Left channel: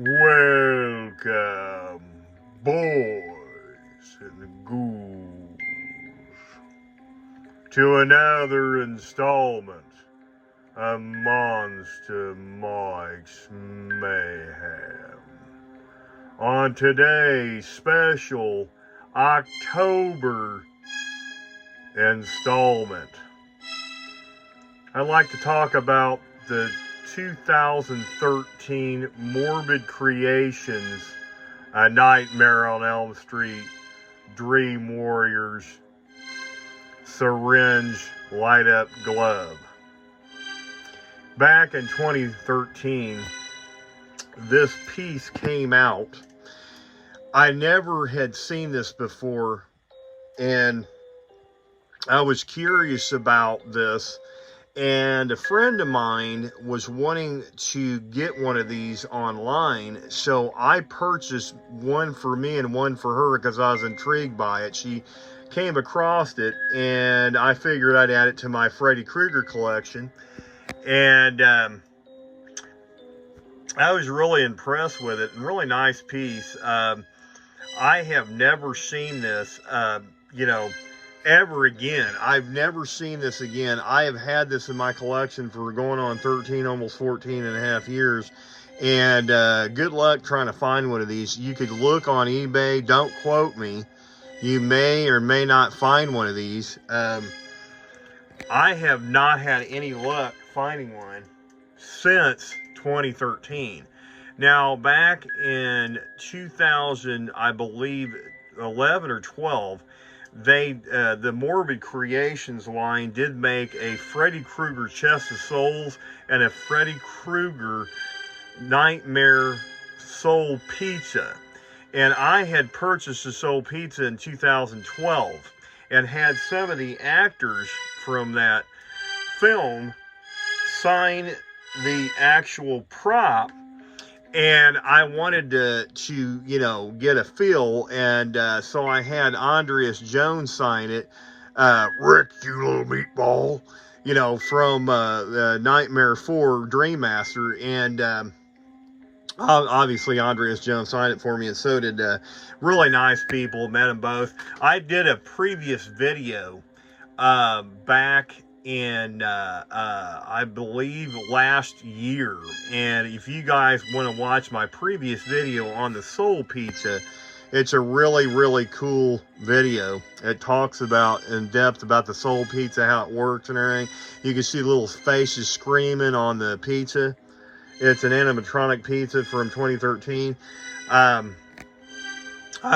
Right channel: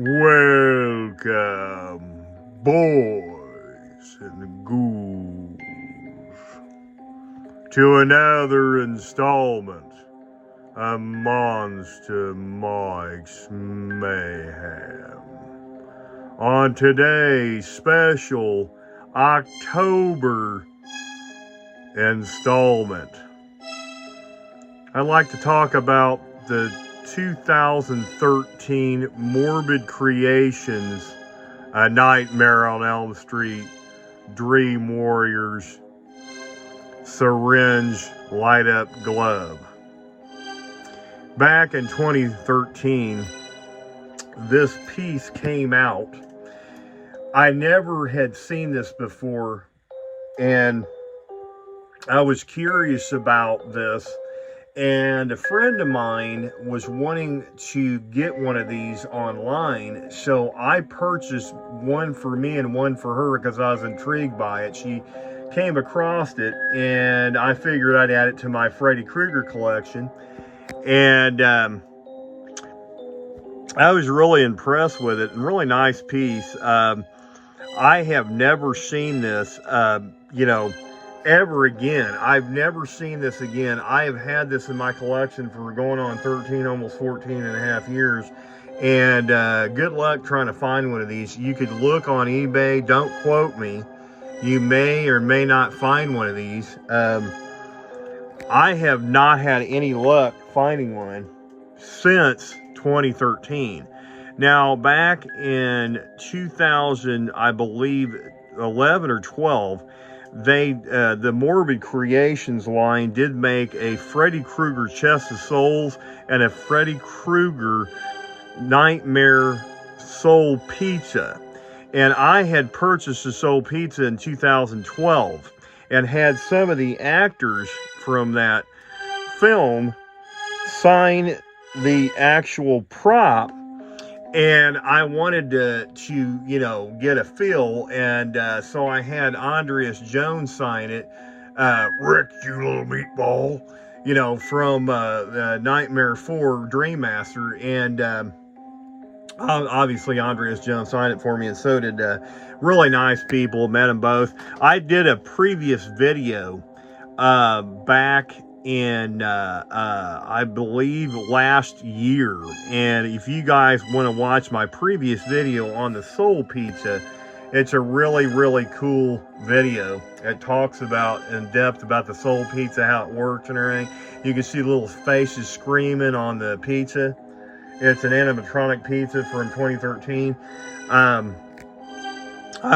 Welcome, boys and ghouls, to another installment of Monster Mike's Mayhem. On today's special October installment, I'd like to talk about the 2013 Morbid Creations, A Nightmare on Elm Street, Dream Warriors, Syringe Light Up Glove. Back in 2013, this piece came out. I never had seen this before, and I was curious about this. And a friend of mine was wanting to get one of these online, so I purchased one for me and one for her because I was intrigued by it. She came across it, and I figured I'd add it to my Freddy Krueger collection. And I was really impressed with it. Really nice piece. I have never seen this, ever again. I've never seen this again. I have had this in my collection for going on 13, almost 14 and a half years. And good luck trying to find one of these. You could look on eBay. Don't quote me. You may or may not find one of these. I have not had any luck finding one since 2013. Now, back in 2000, I believe 11 or 12, the Morbid Creations line did make a Freddy Krueger Chest of Souls and a Freddy Krueger Nightmare Soul Pizza. And I had purchased the Soul Pizza in 2012 and had some of the actors from that film sign the actual prop. And I wanted to get a feel, and so I had Andreas Jones sign it, Rick, you little meatball, from Nightmare 4 Dream Master, and obviously Andreas Jones signed it for me, and so did really nice people, met them both. I did a previous video back in I believe last year, and if you guys want to watch my previous video on the Soul Pizza, it's a really cool video. It talks about in depth about the Soul Pizza, how it works and everything. You can see little faces screaming on the pizza. It's an animatronic pizza from 2013. I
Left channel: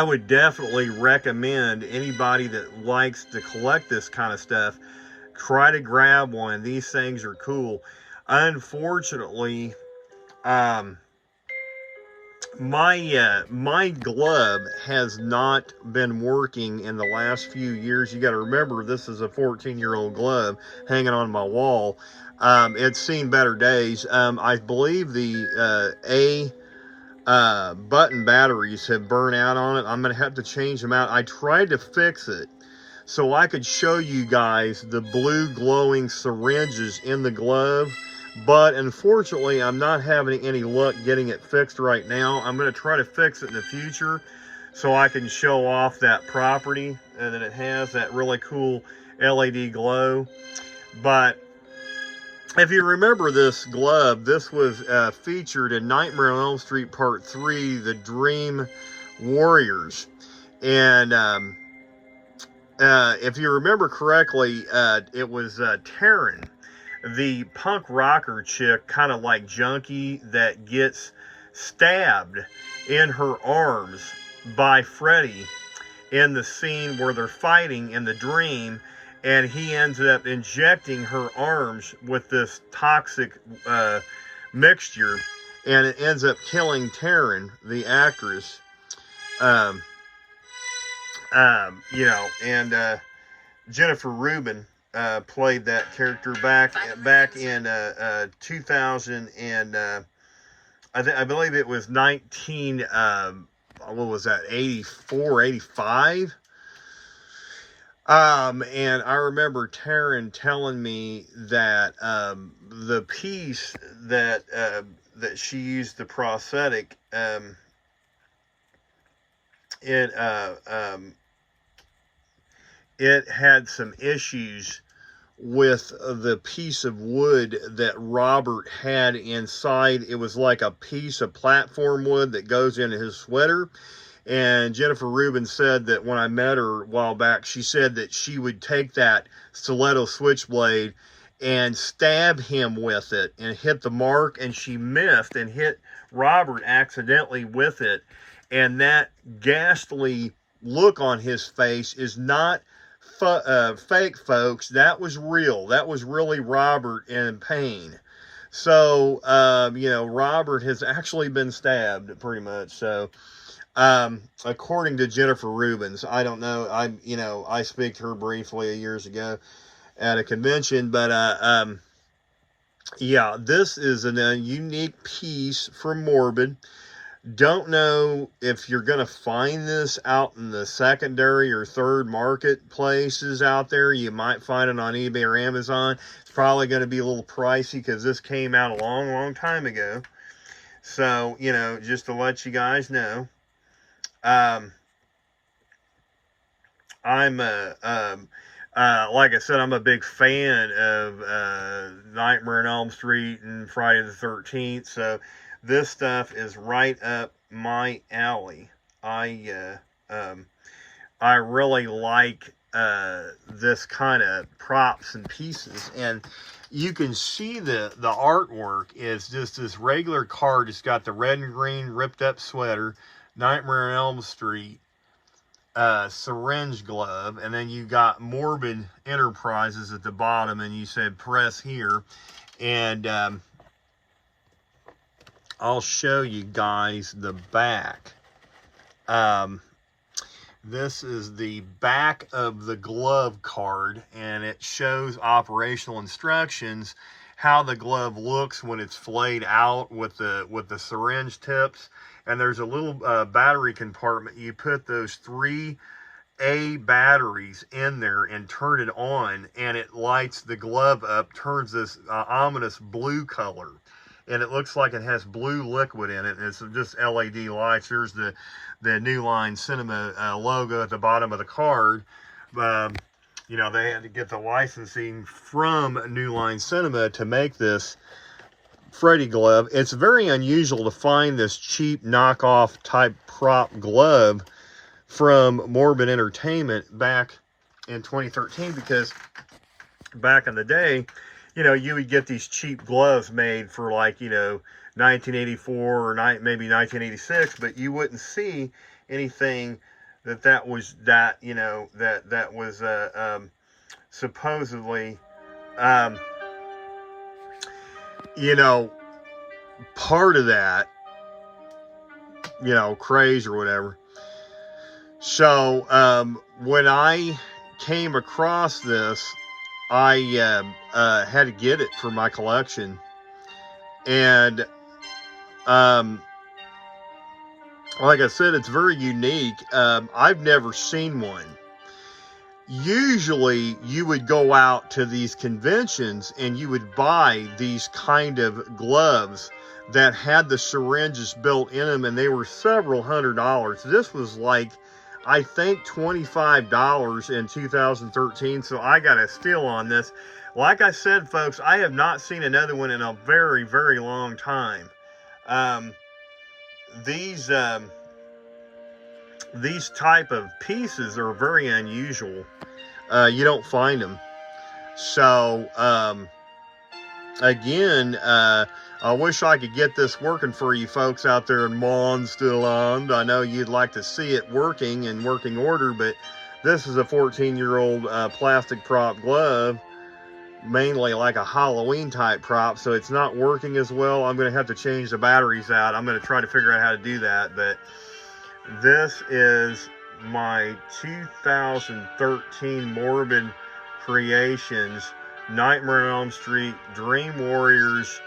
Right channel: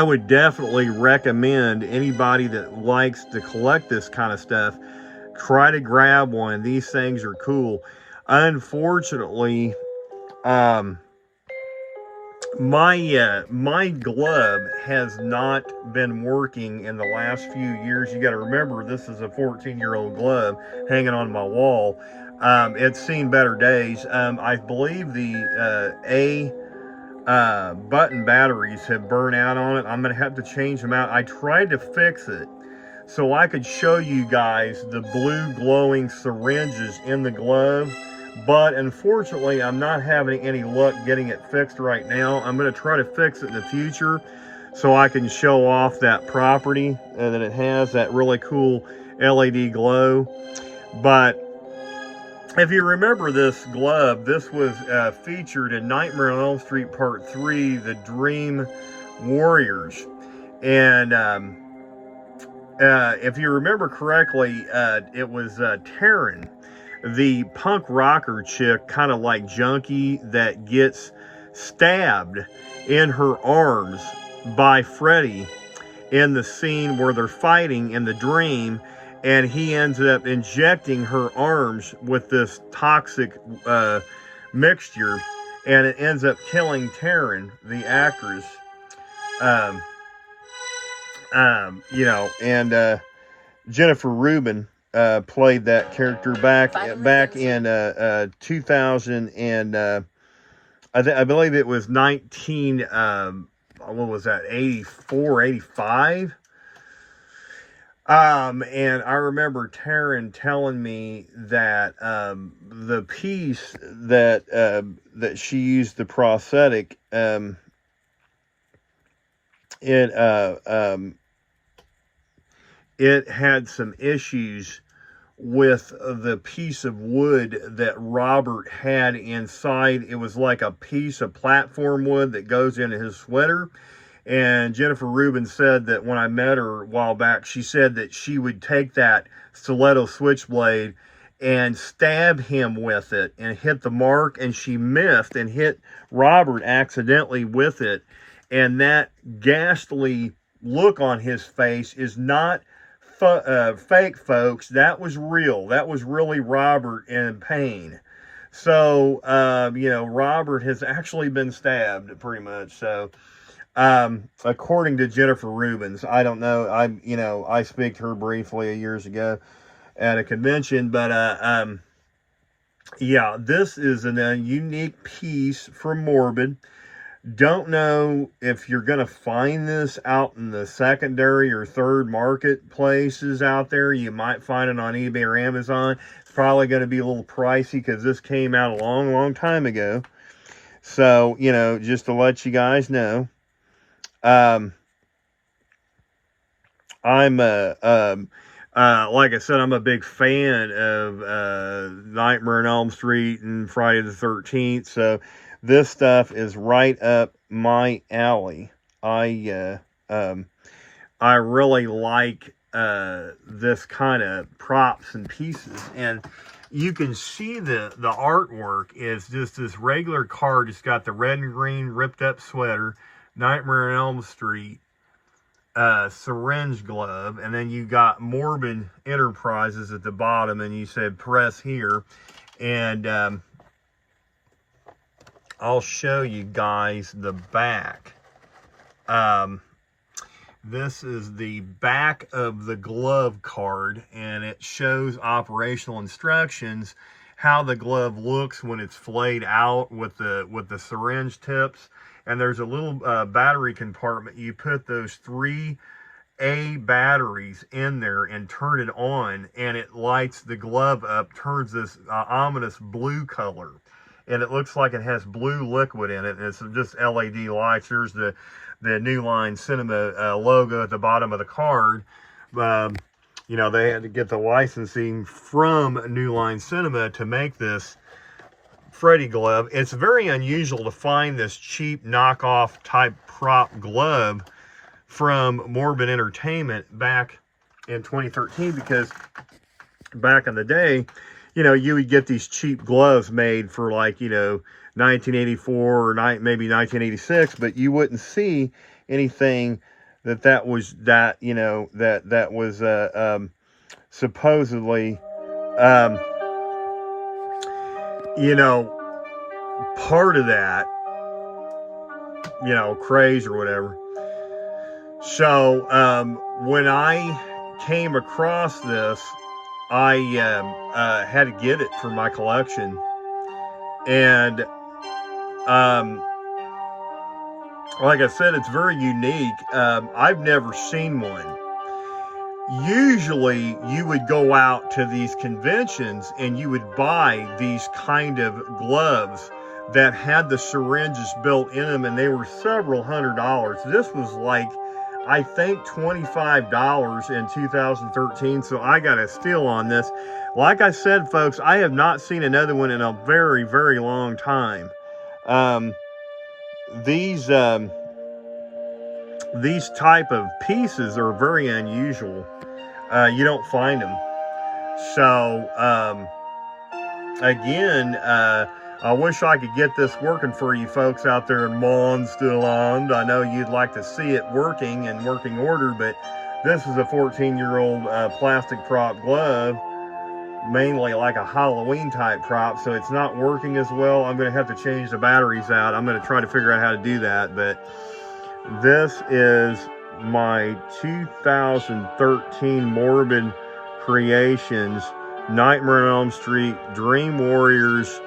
would definitely recommend anybody that likes to collect this kind of stuff, try to grab one. These things are cool. Unfortunately, my glove has not been working in the last few years. You got to remember, this is a 14-year-old glove hanging on my wall. It's seen better days. I believe the button batteries have burned out on it. I'm gonna have to change them out. I tried to fix it so I could show you guys the blue glowing syringes in the glove, but unfortunately I'm not having any luck getting it fixed right now. I'm going to try to fix it in the future so I can show off that property and that it has that really cool LED glow. But if you remember this glove, this was featured in Nightmare on Elm Street Part 3, The Dream Warriors. And if you remember correctly, it was Taryn, the punk rocker chick, kind of like junkie, that gets stabbed in her arms by Freddy in the scene where they're fighting in the dream, and he ends up injecting her arms with this toxic mixture, and it ends up killing Taryn, the actress. And Jennifer Rubin played that character back in 2000, and I believe it was 84, 85. And I remember Taryn telling me that the piece that that she used, the prosthetic, it it had some issues with the piece of wood that Robert had inside. It was like a piece of platform wood that goes into his sweater. And Jennifer Rubin said that when I met her a while back, she said that she would take that stiletto switchblade and stab him with it and hit the mark, and she missed and hit Robert accidentally with it. And that ghastly look on his face is not fake, folks. That was real. That was really Robert in pain. So, you know, Robert has actually been stabbed pretty much. So, according to Jennifer Rubins, I don't know. I speak to her briefly years ago at a convention, but, yeah, this is a unique piece from Morbid. Don't know if you're going to find this out in the secondary or third marketplaces out there. You might find it on eBay or Amazon. It's probably going to be a little pricey because this came out a long, long time ago. So, you know, just to let you guys know. I'm, like I said, I'm a big fan of Nightmare on Elm Street and Friday the 13th. So, this stuff is right up my alley. I really like this kind of props and pieces, and you can see the artwork is just this regular card. It's got the red and green ripped up sweater, Nightmare on Elm Street, syringe glove, and then you got Morbid Enterprises at the bottom, and you said press here, and I'll show you guys the back. This is the back of the glove card, and it shows operational instructions, how the glove looks when it's flayed out with the syringe tips. And there's a little battery compartment. You put those 3A batteries in there and turn it on, and it lights the glove up, turns this ominous blue color. And it looks like it has blue liquid in it, and it's just LED lights. There's the New Line Cinema logo at the bottom of the card. You know, they had to get the licensing from New Line Cinema to make this Freddy glove. It's very unusual to find this cheap knockoff type prop glove from Morbid Entertainment back in 2013, because back in the day, you know, you would get these cheap gloves made for, like, you know, 1984 or maybe 1986, but you wouldn't see anything that was supposedly, you know, part of that, you know, craze or whatever. So, when I came across this, I had to get it for my collection, and like I said, it's very unique. I've never seen one. Usually you would go out to these conventions and you would buy these kind of gloves that had the syringes built in them, and they were several $100s. This was like, I think, $25 in 2013, so I got a steal on this. Like I said, folks, I have not seen another one in a very, very long time. These type of pieces are very unusual. You don't find them. So, again, I wish I could get this working for you folks out there in Mondstaland. I know you'd like to see it working in working order, but this is a 14-year-old plastic prop glove, mainly like a Halloween type prop, so it's not working as well. I'm going to have to change the batteries out. I'm going to try to figure out how to do that, but this is my 2013 Morbid Creations Nightmare on Elm Street Dream Warriors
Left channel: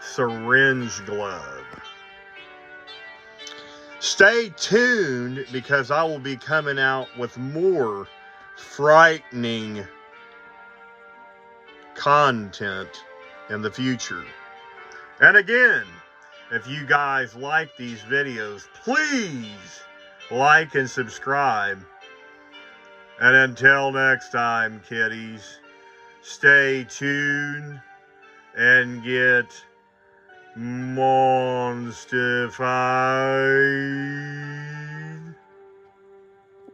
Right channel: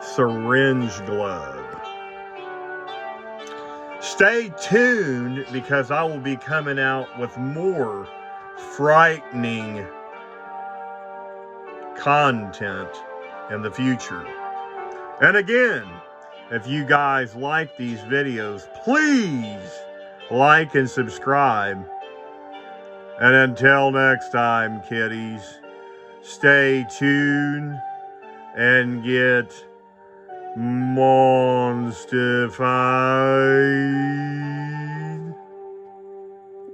syringe glove. Stay tuned, because I will be coming out with more frightening content in the future. And again, if you guys like these videos, please like and subscribe. And until next time, kiddies, stay tuned and get monstified.